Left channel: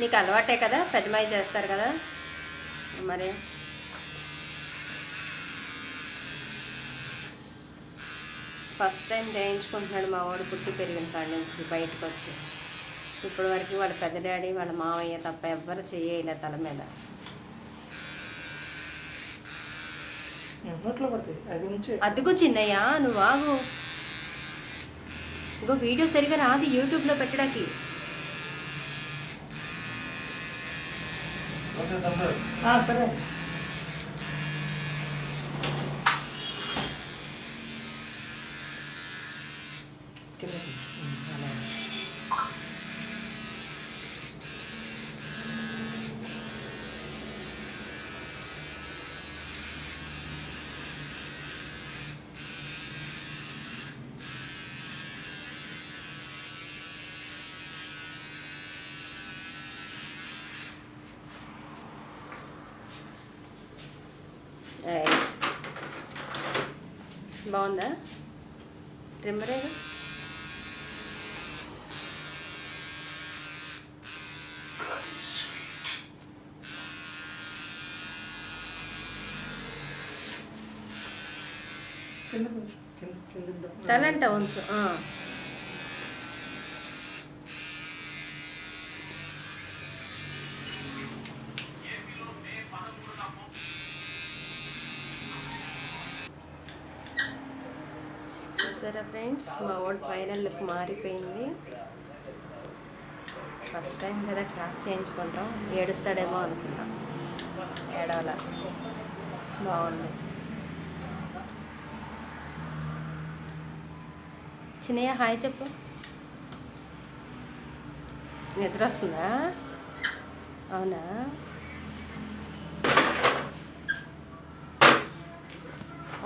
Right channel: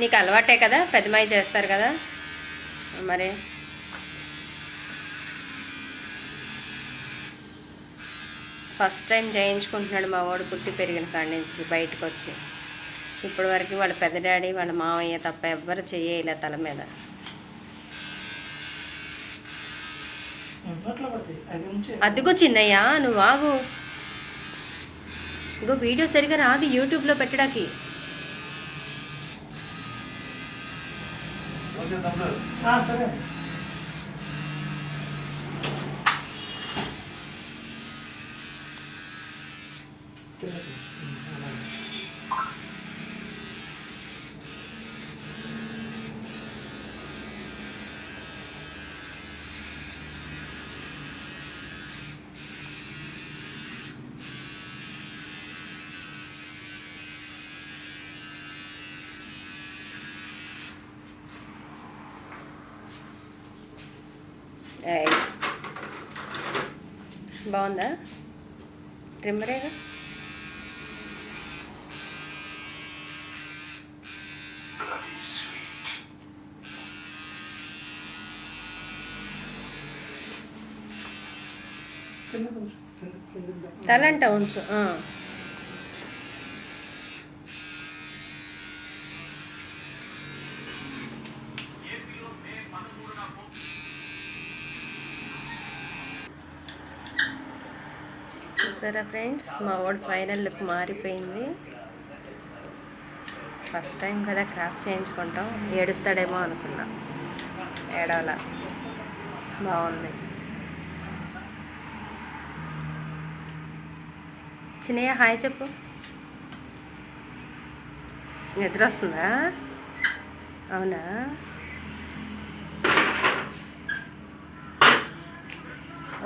నీకు అలవాటే కదా, పెద్దమాయి చేస్తారు కదా మరి. ఫస్ట్ టైం చేయించుకుంటున్నాడు మా వాడు పుట్టి పెరిగిన కాడి నుంచి బయటకు వచ్చి. ఇప్పటి వరకు వాళ్ళ పెద్ద డాడీ వాళ్ళ మామయ్య తప్ప ఎవ్వరు చేయలే తల మీద. అదిగో చిన్నయ్యా నువ్వు ఆగు, ఇంకో వీడియో సరిగా రాదు యూట్యూబ్లో పెట్టడానికి. సరే బాగుందా ట్రిమ్మరేగా. తలంట ఉంచు. చూసారా ఫ్రెండ్స్, మా వాడు ఫైనల్ లుక్ మారిపోయింది. ఫస్ట్ టైం కదా క్రాఫ్ట్ చేయించుకుంటాం, ఏడుస్తాడేమో అనుకున్నా, ఏడవలా. బాగుంది. చిన్నయ్య హాయ్ చెప్పు. నిద్ర వస్తుందా? అవునా?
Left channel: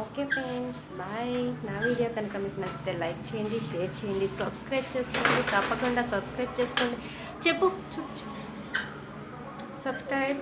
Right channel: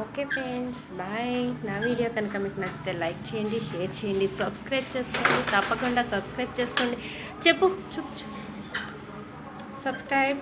Okay friends, bye. నా వీడియో కనుక మీకు నచ్చితే లైక్ చేయండి, షేర్ చేయండి, సబ్స్క్రైబ్ చేసుకోండి. తప్పకుండా సబ్స్క్రైబ్ చేసుకోండి. చెప్పు చూపు సబ్స్క్రైబ్.